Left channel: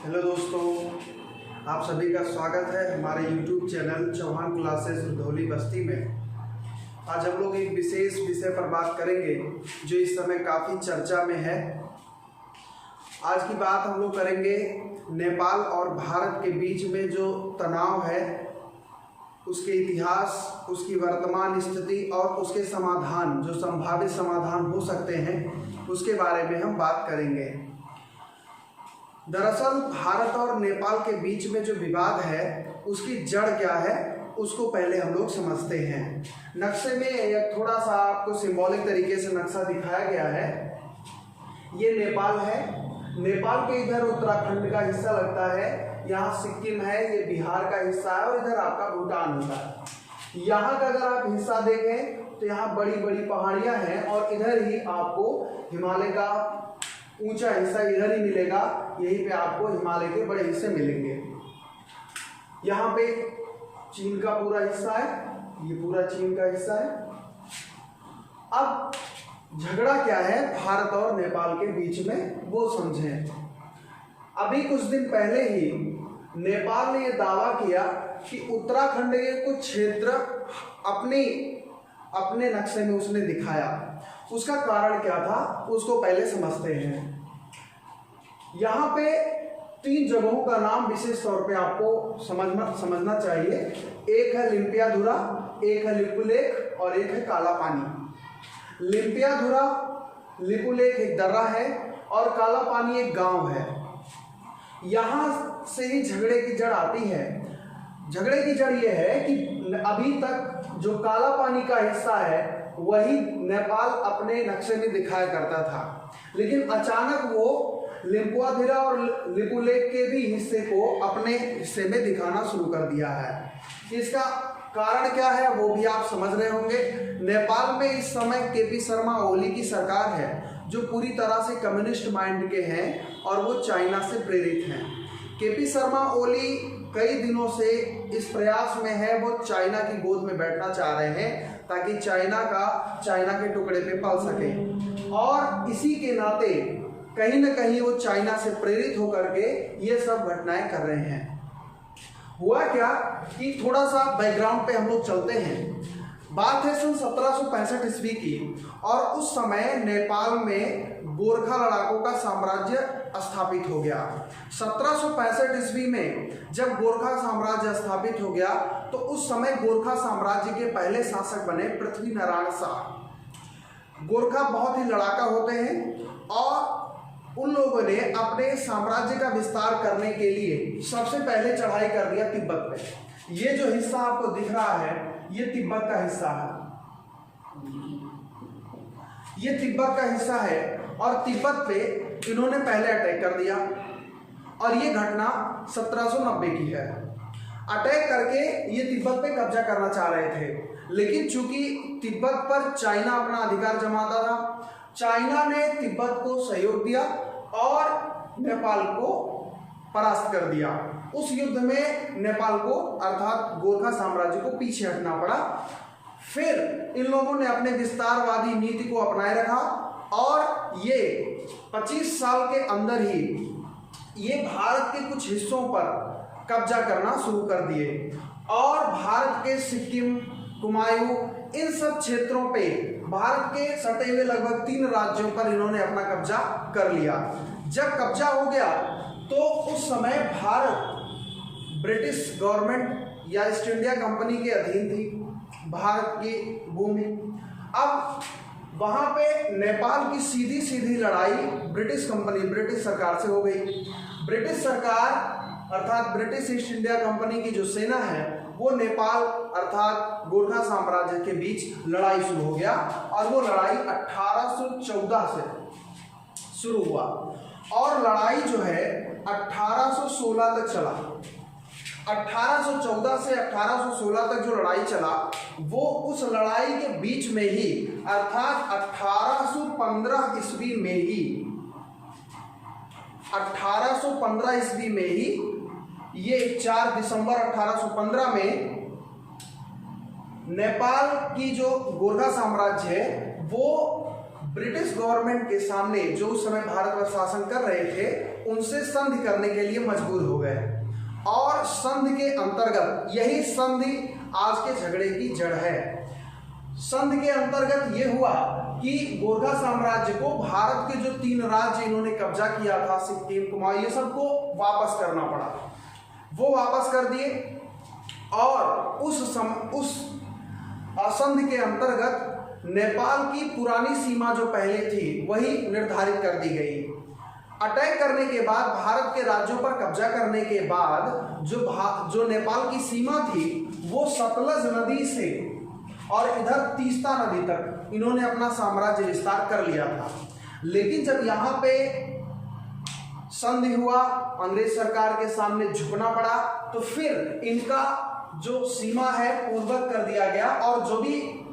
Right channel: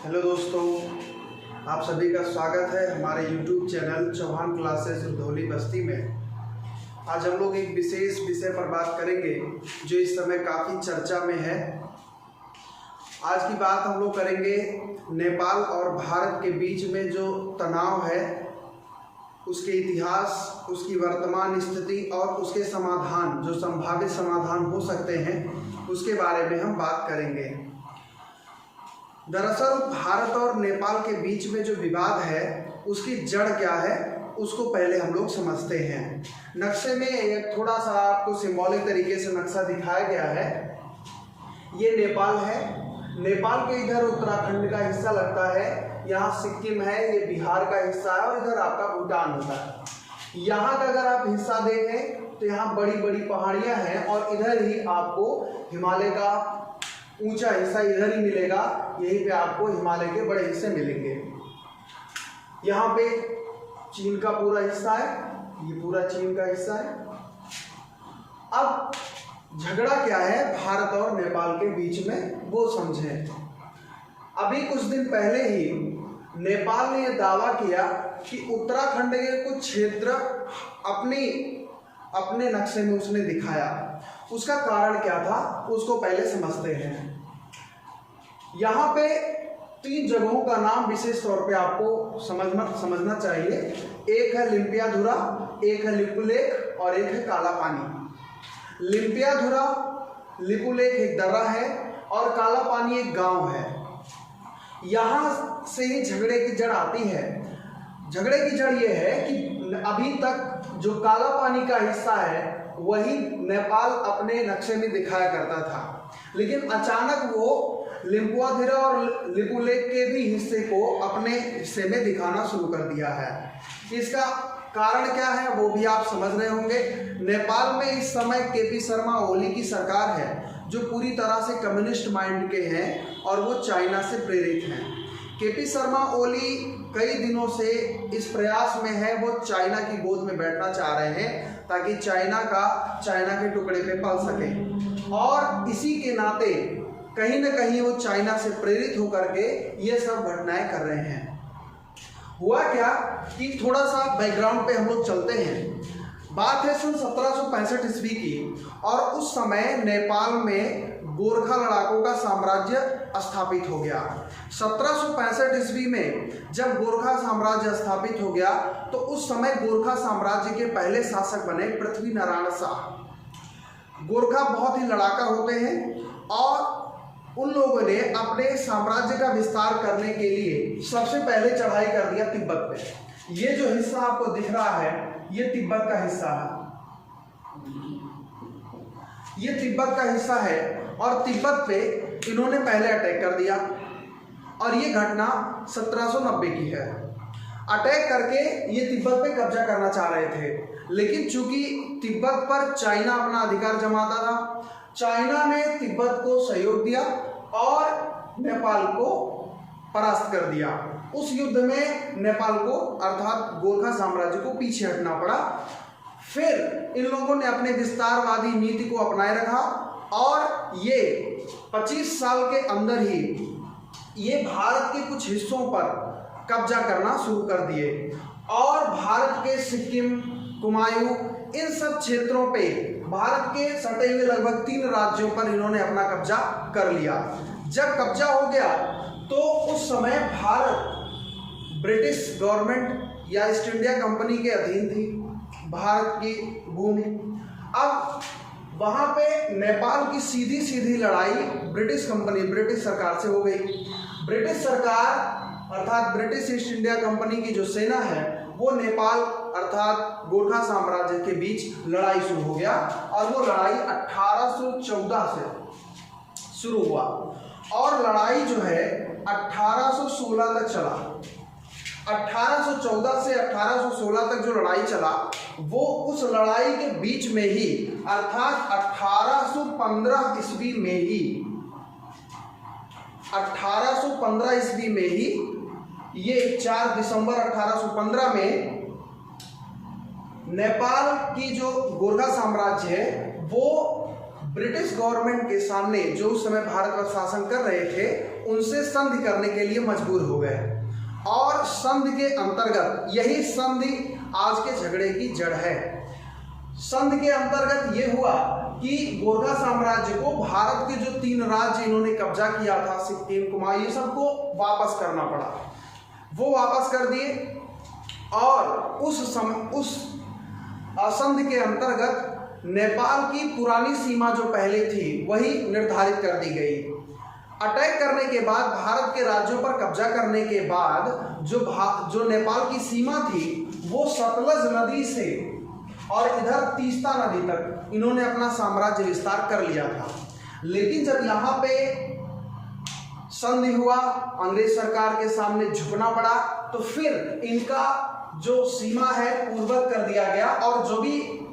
Hello दोस्तों, आप सभी का स्वागत है हमारे YouTube channel Chauhan classes Rudhauli Basti में। आज हम लोग एक विशेष विषय पर बात करेंगे जो इस समय काफ़ी चर्चा में है। आज की बात हम लोग करेंगे नेपाल और भारत के बीच में जो तनाव है, उसके इतिहास, उसकी वर्तमान स्थिति और उसके समाधान, जो संभावित समाधान हो सकते हैं, उसके बारे में हम बात करेंगे। दरअसल भारत और नेपाल के बीच में जो विवाद है उसकी जड़ क्या है, उसको पहले हम लोग समझते हैं। नक्शे में एक थोड़ा सा आपको सिंबॉलिक तरीके से नक्शा दिखाया गया है। ये नेपाल है। नेपाल के इधर उत्तराखंड का हिस्सा लगता है, यहाँ सिक्किम है, ये बिहार का हिस्सा है और इधर आपका भूटान होता है। यहाँ का अगर आप हिस्सा देखें तो यहाँ बड़ी बड़ी पहाड़ियाँ हैं और इधर ही आपको हिमालय का ऊंचा हिस्सा इधर ही मिलेगा। यहीं पे आपको हिमालय के बड़े हिस्से मिलेंगे। यहाँ पे चीन का पूरा हिस्सा है, ये पूरा चीन का हिस्सा है। अब झगड़ा क्या है भारत और नेपाल के बीच में, वो समझें। अभी कुछ दिन पहले ही नेपाल ने यह दावा किया कि उत्तराखंड के कुछ क्षेत्र अपने नक्शे में उसने दिखाया। उसका कारण क्या था, उसको पहले समझते हैं। यहाँ पे 3 जगहों का नाम विशेष तौर पे आपको समझना चाहिए। एक है लिम्पियाधुरा, एक है लिपुलेख और एक है काला पानी। लिम्पियाधुरा, लिपुलेख एक दर्रा है और काला पानी एक गांव है। यहाँ से ही झगड़े की जड़ आती है। झगड़े की जड़ ये है कि अभी तक जो काला पानी का हिस्सा है वही नेपाल अपने नक्शे में दिखाया करता था, लेकिन अचानक वो लिम्पियाधुरा और लिपुलेख के भी हिस्से को अपने हिस्से में दिखाना शुरू कर दिया है। इसका कारण क्या है वो भी आप समझ रहे होंगे। नेपाल में इस समय केपी शर्मा ओली की सरकार है जो पूरी तरह से कम्युनिस्ट माइंड के हैं और वो चाइना से प्रेरित हैं। केपी शर्मा ओली कई दिनों से इस प्रयास में है, वो चाइना की गोद में बैठना चाह रहे हैं ताकि चाइना के टुकड़े पे पल सके। और इसी के नाते कहीं न कहीं वो चाइना से प्रेरित होकर के ये सब घटनाएं कर रहे हैं। हुआ क्या कि थोड़ा सा बैकग्राउंड पे हम लोग चलते हैं। बात है सन 1765 ईस्वी की और उस समय नेपाल में गोरखा लड़ाकों का साम्राज्य स्थापित हो गया। 1765 ईस्वी में जब गोरखा साम्राज्य स्थापित हो गया तो उस समय गोरखा साम्राज्य के पहले शासक बने पृथ्वी नारायण शाह। गोरखा बहुत ही लड़ाका होते हैं और उन लोगों ने अपने साम्राज्य का विस्तार करने के लिए सबसे पहले चढ़ाई कर दिया तिब्बत पे। ये जो हिस्सा आपको दिख रहा है ये तिब्बत का हिस्सा है, ये तिब्बत का हिस्सा है और तिब्बत पे इन्होंने पहले अटैक कर दिया और ये घटना 1790 की है। अटैक करके ये तिब्बत पे कब्जा करना चाह रहे थे, लेकिन चूंकि तिब्बत पर चाइना अपना अधिकार जमाता था, चाइना ने तिब्बत को सहयोग दिया और नेपाल को परास्त कर दिया। उस युद्ध में नेपाल को अर्थात गोरखा साम्राज्य को पीछे हटना पड़ा। फिर इन लोगों ने अपने विस्तारवादी नीति को अपनाए रखा और ये 25 साल के अंदर ही ये भारत के कुछ हिस्सों पर कब्जा करना शुरू कर दिए और भारत के सिक्किम, कुमायूं, इन सब क्षेत्रों पे भारत के सटे हुए लगभग 3 राज्यों पर इन्होंने अपना कब्जा कर लिया। जब कब्जा हो गया तो उस समय भारत ब्रिटिश गवर्नमेंट या ईस्ट इंडिया कंपनी के अधीन थी, भारत की भूमि। अब वहाँ पे नेपाल की सीधी सीधी लड़ाई ब्रिटिश सरकार से हो गई। ब्रिटिश सरकार अर्थात ब्रिटिश ईस्ट इंडिया कंपनी की जो सेना है वो नेपाल अर्थात गोरखा साम्राज्य के बीच लड़ाई शुरू हो गया और वो लड़ाई 1814 से शुरू हुआ और लड़ाई जो है 1816 तक चला। 1814 से 1816 तक जो लड़ाई चला वो उस लड़ाई के बीच में ही अर्थात 1815 ईस्वी में ही 1815 ईस्वी में ही ये 4 दिसंबर 1815 में नेपाल की जो गोरखा साम्राज्य है वो ब्रिटिश गवर्नमेंट के सामने, जो उस समय भारत पर शासन कर रहे थे, उनसे संधि करने के लिए मजबूर हो गए। और संधि के अंतर्गत, यही संधि आज के झगड़े की जड़ है। संधि के अंतर्गत यह हुआ कि गोरखा साम्राज्य को भारत के जो 3 राज्य इन्होंने कब्जा किया था, सिक्किम, कुमाऊं, ये सबको वापस करना पड़ा। वो वापस कर दिए और उस संधि के अंतर्गत नेपाल की पुरानी सीमा जो पहले थी वही निर्धारित कर दी गई। अटैक करने के बाद, भारत के राज्यों पर कब्जा करने के बाद जो नेपाल की सीमा थी वो सतलज नदी से और इधर तीस्ता नदी तक इन्होंने अपना साम्राज्य विस्तार कर लिया था। लेकिन जब यहाँ पे संधि हुआ, अंग्रेज सरकार के सामने झुकना पड़ा, तो फिर इनका जो सीमा है पूर्ववत कर दिया गया और जो भी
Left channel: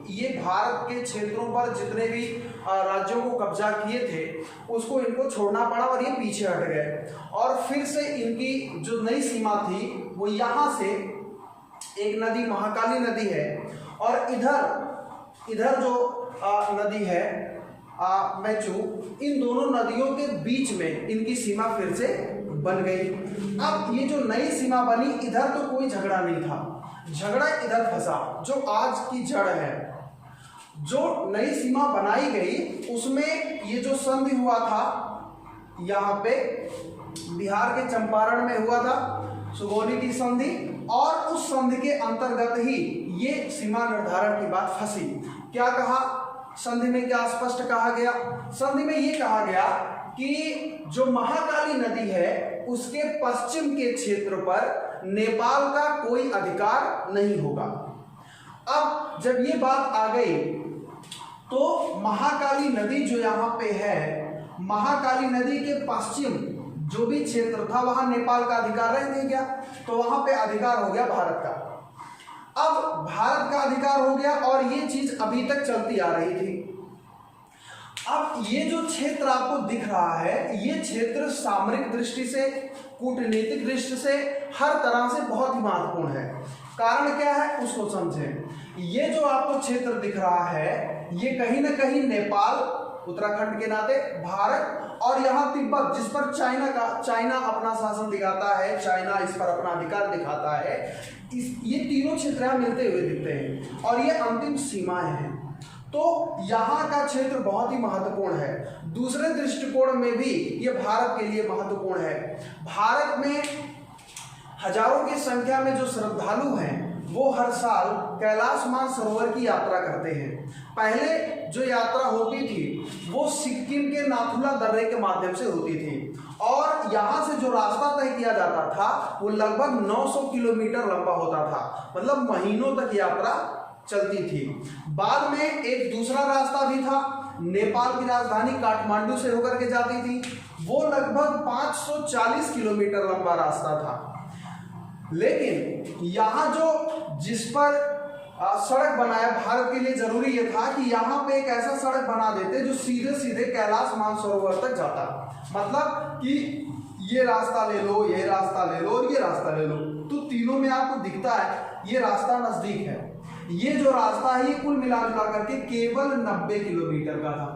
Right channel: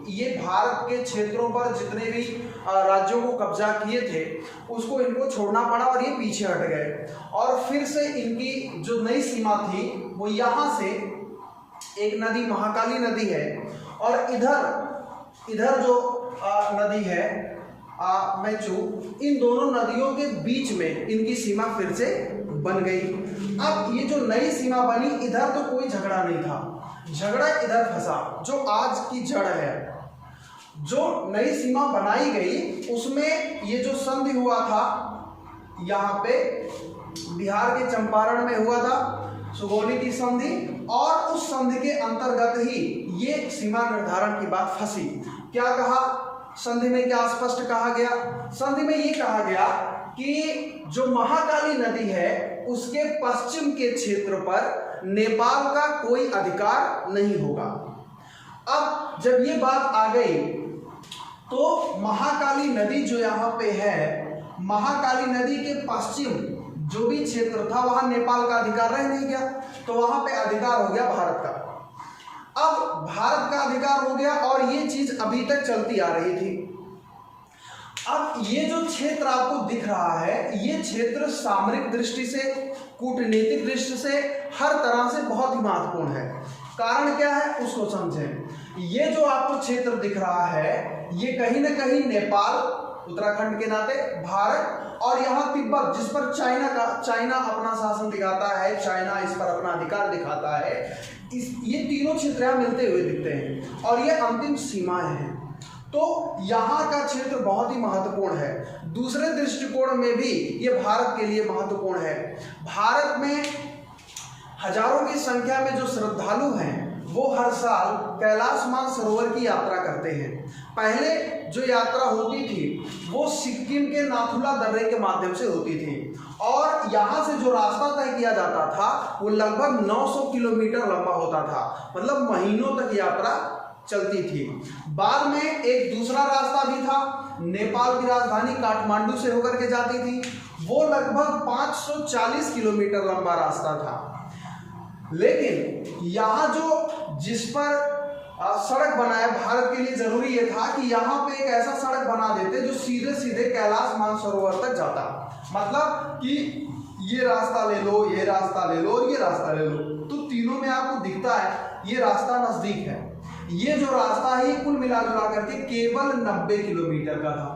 ये भारत के क्षेत्रों पर जितने भी राज्यों को कब्जा किए थे उसको इनको छोड़ना पड़ा और ये पीछे हट गए। और फिर से इनकी जो नई सीमा थी वो यहाँ से एक नदी, महाकाली नदी है, और इधर जो नदी है मेचू, इन दोनों नदियों के बीच में इनकी सीमा फिर से बन गई। अब ये जो नई सीमा बनी, इधर तो कोई झगड़ा नहीं था, झगड़ा इधर फंसा जो आज की जड़ है। जो नई सीमा बनाई गई उसमें ये जो संधि हुआ था यहाँ पे बिहार के चंपारण में हुआ था, सुगौली की संधि, और उस संधि के अंतर्गत ही ये सीमा निर्धारण की बात फंसी। क्या कहा संधि में, क्या स्पष्ट कहा गया? संधि में ये कहा गया कि जो महाकाली नदी है उसके पश्चिम के क्षेत्र पर नेपाल का कोई अधिकार नहीं होगा। अब जब ये बात आ गई तो महाकाली नदी जो यहाँ पे है, महाकाली नदी के पश्चिम जो भी क्षेत्र था वहां नेपाल का अधिकार रह नहीं गया, तो वहां पे अधिकार हो गया भारत का। अब भारत का अधिकार हो गया और ये चीज अभी तक चलती आ रही थी। अब ये जो क्षेत्र आपको दिख रहा है, ये क्षेत्र सामरिक दृष्टि से, कूटनीतिक दृष्टि से, हर तरह से बहुत ही महत्वपूर्ण है। कारण क्या है उसको समझें। ये जो आपको क्षेत्र दिख रहा है ये कहीं ना कहीं नेपाल, उत्तराखंड के नाते, भारत और यहाँ तिब्बत, जिस पर चाइना अपना शासन दिखाता है, चाइना इस पर अपना अधिकार दिखाता है, ये तीनों क्षेत्र मिलते हुए दिखते हैं और ये अंतिम सीमाएं हैं। तो यहाँ का क्षेत्र बहुत ही महत्वपूर्ण है। दूसरे दृष्टिकोण में भी ये भारत के लिए महत्वपूर्ण है। भारत में हजारों की संख्या में जो श्रद्धालु हैं वो हर साल कैलाश मानसरोवर की यात्रा करते हैं। पहले जो यात्रा होती थी वो सिक्किम के नाथुला दर्रे के माध्यम से होती थी और यहाँ से जो रास्ता तय किया जाता था वो लगभग 900 किलोमीटर लंबा होता था, मतलब महीनों तक यात्रा चलती थी। बाद में एक दूसरा रास्ता भी था, नेपाल की राजधानी काठमांडू से होकर के जाती थी, वो लगभग 540 किलोमीटर लंबा रास्ता था। लेकिन यहाँ जो जिस पर सड़क बनाया, भारत के लिए जरूरी ये था कि यहाँ पे एक ऐसा सड़क बना देते जो सीधे सीधे कैलाश मानसरोवर तक जाता, मतलब कि ये रास्ता ले लो, ये रास्ता ले लो, ये रास्ता ले लो, तो तीनों में आपको दिखता है ये रास्ता नजदीक है। ये जो रास्ता है कुल मिलाजुला करके केवल 90 किलोमीटर का था,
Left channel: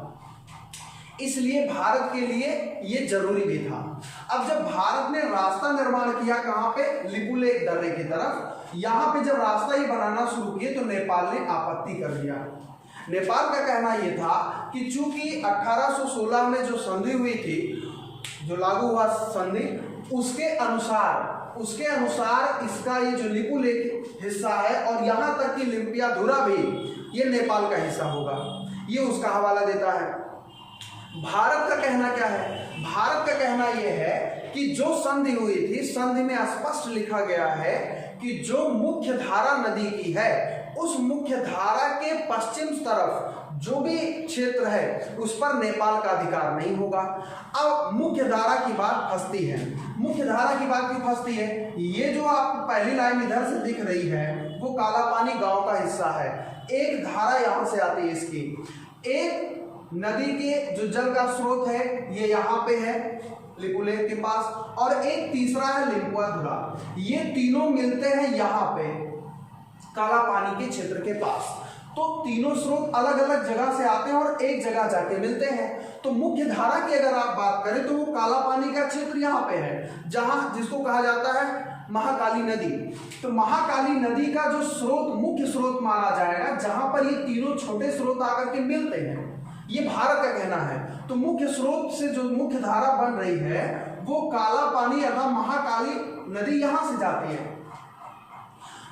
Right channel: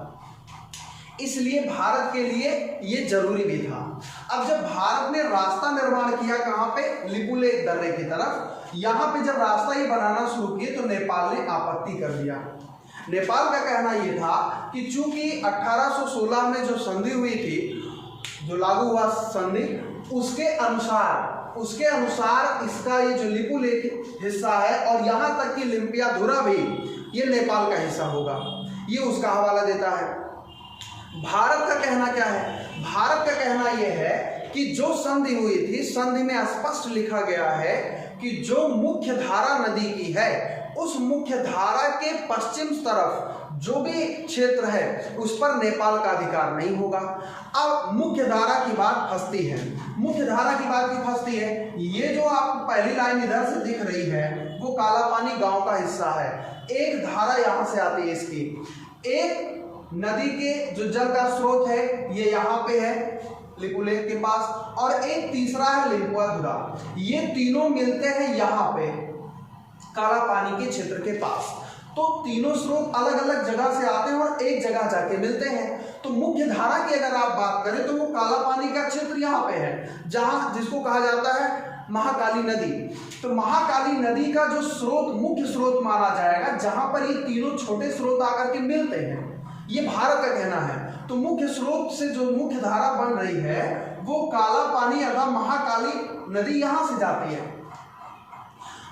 इसलिए भारत के लिए ये जरूरी भी था। अब जब भारत ने रास्ता निर्माण किया कहाँ पे, लिपुलेख दर्रे की तरफ, यहाँ पे जब रास्ता ही बनाना शुरू किए तो नेपाल ने आपत्ति कर दिया। नेपाल का कहना ये था कि चूंकि 1816 में जो संधि हुई थी, जो लागू हुआ संधि, उसके अनुसार इसका ये जो लिपुलेख हिस्सा है और यहाँ तक कि लिम्पियाधुरा भी ये नेपाल का हिस्सा होगा, ये उसका हवाला देता है। भारत का कहना क्या है? भारत का कहना यह है कि जो संधि हुई थी, संधि में स्पष्ट लिखा गया है कि जो मुख्य धारा नदी की है उस मुख्य धारा के पश्चिम तरफ जो भी क्षेत्र है उस पर नेपाल का अधिकार नहीं होगा। अब मुख्य धारा की बात फंसती है, मुख्य धारा की बात भी फंसती है। ये जो आपको पहली लाइन इधर से दिख रही है वो कालापानी गांव का हिस्सा है। एक धारा यहाँ से आती है इसकी, एक नदी के जो जल का स्रोत है ये यहाँ पे है लिपुलेख के पास, और एक तीसरा है लिम्पियाधुरा। ये तीनों मिलते हैं यहाँ पे काला पानी के क्षेत्र के पास। तो तीनों स्रोत अलग अलग जगह से आते हैं और एक जगह जाके मिलते हैं। तो मुख्य धारा की अगर आप बात करें तो वो काला पानी का क्षेत्र यहाँ पे है, जहाँ जिसको कहा जाता है महाकाली नदी। तो महाकाली नदी का जो स्रोत मुख्य स्रोत माना जाएगा, जहां पर ये तीनों छोटे स्रोत आकर के मिलते हैं, ये भारत का कहना है। तो मुख्य स्रोत से जो मुख्य धारा बन रही है वो काला पानी अथवा महाकाली नदी यहां से जाती है।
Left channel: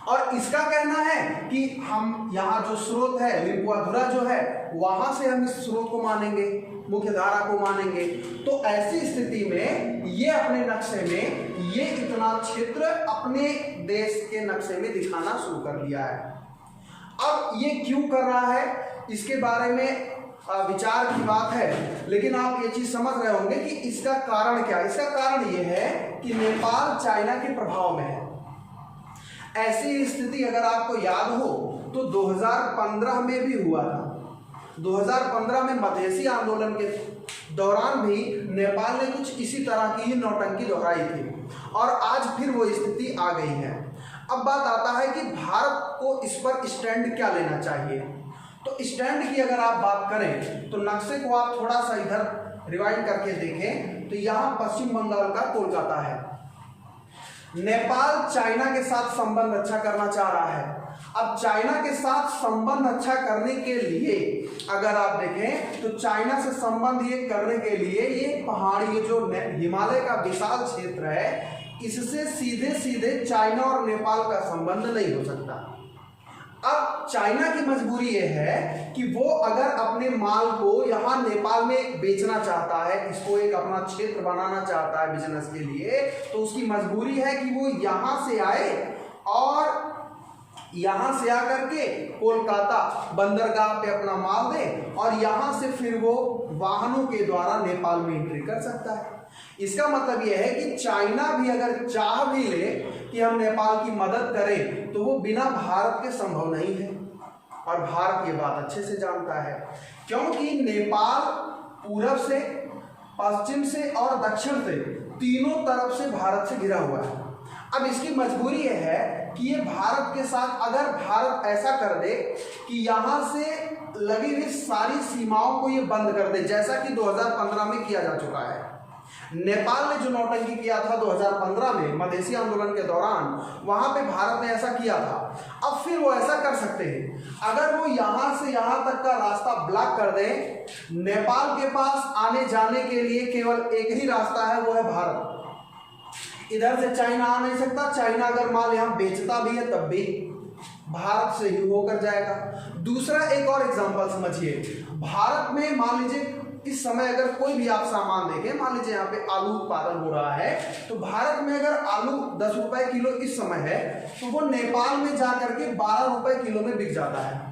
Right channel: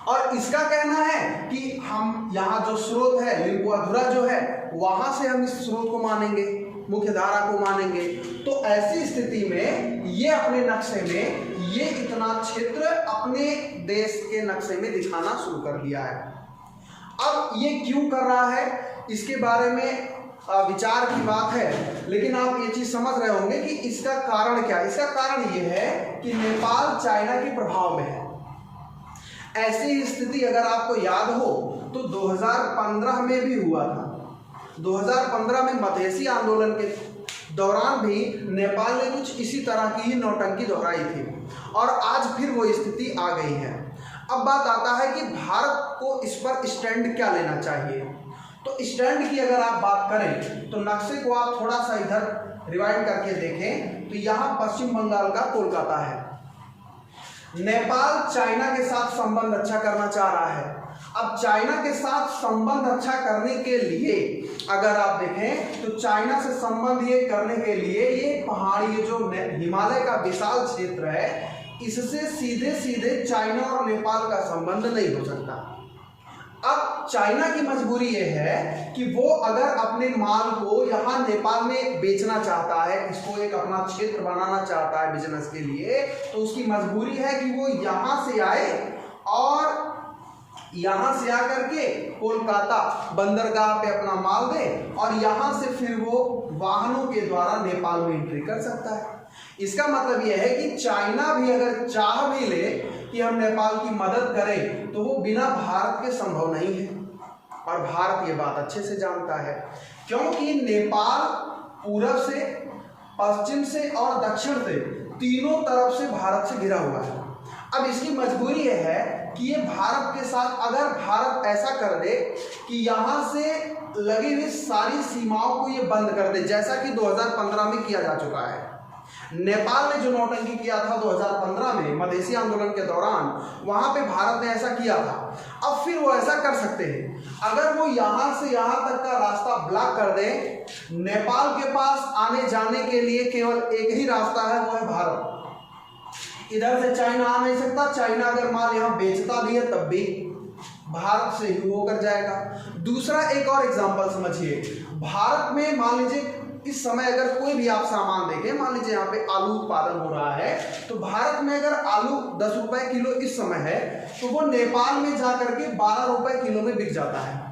और इसका कहना है कि हम यहाँ जो स्रोत है लिम्पुआधुरा जो है वहां से हम इस स्रोत को मानेंगे, मुख्य धारा को मानेंगे। तो ऐसी स्थिति में ये अपने नक्शे में ये इतना क्षेत्र अपने देश के नक्शे में दिखाना शुरू कर दिया है। अब ये क्यों कर रहा है इसके बारे में विचार की बात है, लेकिन आप ये चीज समझ रहे होंगे कि इसका कारण क्या है। इसका कारण ये है कि नेपाल चाइना के प्रभाव में है। ऐसी स्थिति अगर आपको याद हो तो 2015 में भी हुआ था। 2015 में मधेसी आंदोलन के दौरान भी नेपाल ने कुछ इसी तरह की ही नौटंकी दोहराई थी और आज फिर वो स्थिति आ गई है। अब बात आता है कि भारत को इस पर स्टैंड क्या लेना चाहिए। तो स्टैंड की अगर आप बात करें तो नक्शे को आप थोड़ा सा इधर रिवाइंड करके देखें तो यहाँ पश्चिम बंगाल का कोलकाता है। नेपाल चाइना के साथ संबंध अच्छा करना चाह रहा है। अब चाइना के साथ संबंध अच्छा करने के लिए अगर आप देखें तो चाइना से संबंध ये करने के लिए ये पहाड़ी, ये जो हिमालय का विशाल क्षेत्र है, इससे सीधे सीधे चाइना और नेपाल का संबंध नहीं हो सकता। अब चाइना की मजबूरी ये है कि वो अगर अपने माल को यहाँ नेपाल में बेचना चाहता है, इसको एक अपना क्षेत्र बनाना चाहता है बिजनेस के लिए, तो उसकी मजबूरी है कि वो यहाँ से आए और यहाँ से आकर के कोलकाता बंदरगाह पे अपना माल दे और यहाँ से फिर वो वाहनों के द्वारा नेपाल में एंट्री कर सकता है। इसका मतलब यह है कि चाइना भी अगर चाह भी ले कि हम नेपाल की मदद करें तो वो बिना भारत के संभव नहीं है। और भारत ये बात अच्छे से जानता है, क्योंकि नेपाल पूरब से, पश्चिम से और दक्षिण से तीनों तरफ से भारत से घिरा हुआ है। अब इसकी मजबूरी यह है कि ये भारत के साथ, अगर भारत ऐसा कर दे कि यहाँ से लगी हुई सारी सीमाओं को ये बंद कर दे, जैसा कि 2015 में किया जा चुका है। नेपाल ने जो नौटंकी किया था 2015 में मधेसी आंदोलन के दौरान, वहां पे भारत ने ऐसा किया था। अब फिर वो ऐसा कर सकते हैं, अगर वो यहाँ से यहाँ तक का रास्ता ब्लॉक कर दे, नेपाल के पास आने जाने के लिए केवल एक ही रास्ता है, वो है भारत। इधर से चाइना आ नहीं सकता। चाइना अगर माल यहाँ बेचता भी है तब भी भारत से ही होकर जाएगा। दूसरा एक और एग्जांपल समझिए, भारत में मान लीजिए इस समय अगर कोई भी आप सामान देखें, मान लीजिए यहाँ पे आलू उत्पादन हो रहा है, तो भारत में अगर आलू 10 रुपए किलो इस समय है तो वो नेपाल में जाकर के 12 रुपए किलो में बिक जाता है।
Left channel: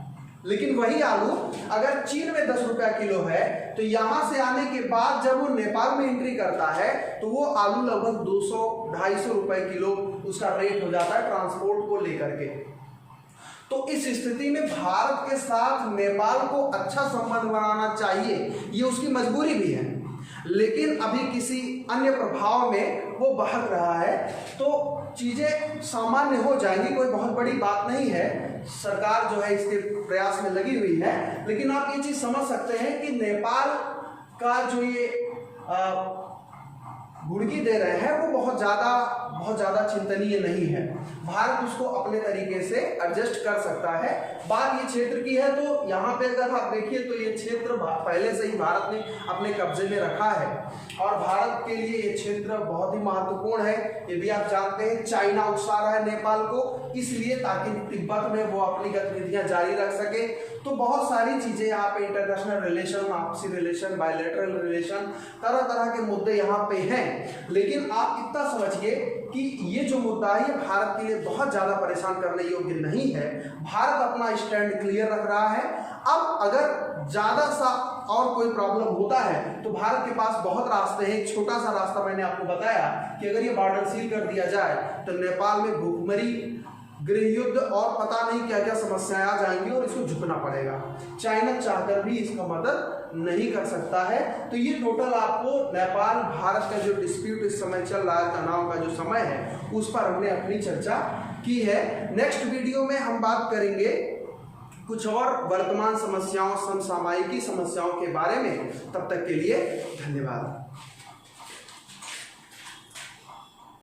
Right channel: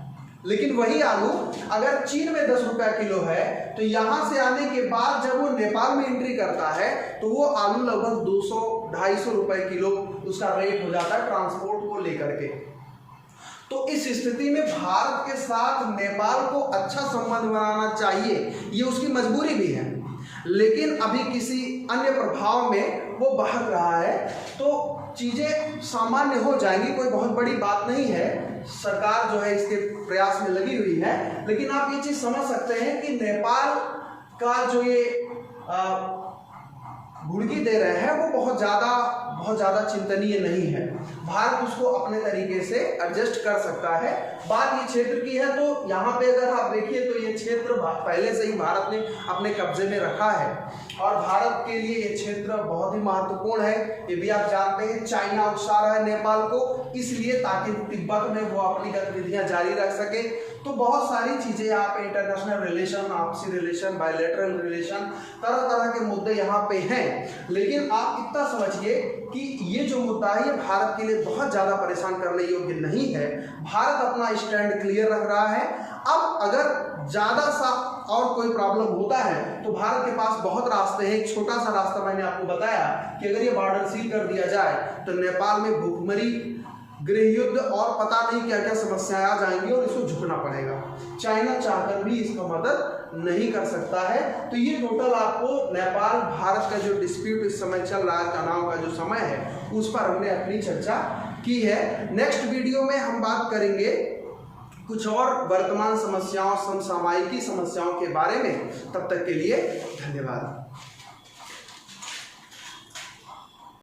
लेकिन वही आलू अगर चीन में 10 रुपया किलो है तो यहाँ से आने के बाद जब वो नेपाल में एंट्री करता है तो वो आलू लगभग 200-250 रुपए किलो उसका रेट हो जाता है ट्रांसपोर्ट को लेकर के। तो इस स्थिति में भारत के साथ नेपाल को अच्छा संबंध बनाना चाहिए, ये उसकी मजबूरी भी है, लेकिन अभी किसी अन्य प्रभाव में वो बहक रहा है। तो चीज़ें सामान्य हो जाएंगी, कोई बहुत बड़ी बात नहीं है। सरकार जो है इसके प्रयास में लगी हुई है, लेकिन आप ये चीज़ समझ सकते हैं कि नेपाल का जो ये भुड़की दे रहे हैं वो बहुत ज़्यादा चिंतनीय नहीं है। भारत उसको अपने तरीके से एडजस्ट कर सकता है। बात ये क्षेत्र की है तो यहाँ पे अगर आप देखिए तो ये क्षेत्र पहले से ही भारत ने अपने कब्जे में रखा है और भारत के लिए ये क्षेत्र बहुत ही महत्वपूर्ण है। ये भी आप जानते हैं, चाइना उकसा रहा है नेपाल को इसलिए ताकि तिब्बत में वो अपनी गतिविधियाँ जारी रख सके। तो बहुत सारी चीज़ें यहाँ पे इंटरनेशनल रिलेशन, आपसी रिलेशन, बायलैटरल रिलेशन, तरह तरह के मुद्दे यहाँ पे हैं। लेकिन आप इतना समझिए कि ये जो मुद्दा है ये भारत के लिए बहुत ज़्यादा परेशान करने योग्य नहीं है। भारत अपना स्टैंड क्लियर रख रहा है। अब अगर ज़्यादा सा और कोई प्रॉब्लम होता है तो भारत के पास बहुत रास्ते हैं। एक छोटा सा रास्ता मैंने आपको बताया कि अगर ये बॉर्डर सील कर दिया जाए तो नेपाल में भूखमरी, गृह युद्ध और पता नहीं क्या क्या समस्याएं आ जाएंगी और इसको झुकना पड़ेगा। चाइना चाहकर भी इसका मदद नहीं कर सकता है। तो ये टोटल आपको नेपाल भारत का जो डिस्प्यूट इस समय चल रहा है, तनाव का जो समय है, उस पर हमने अपनी चर्चा की है। नेक्स्ट वीडियो में हम बात करेंगे कुछ और वर्तमान समस्याओं, समसामयिकी समस्याओं के बारे में। तब तक के लिए धन्यवाद।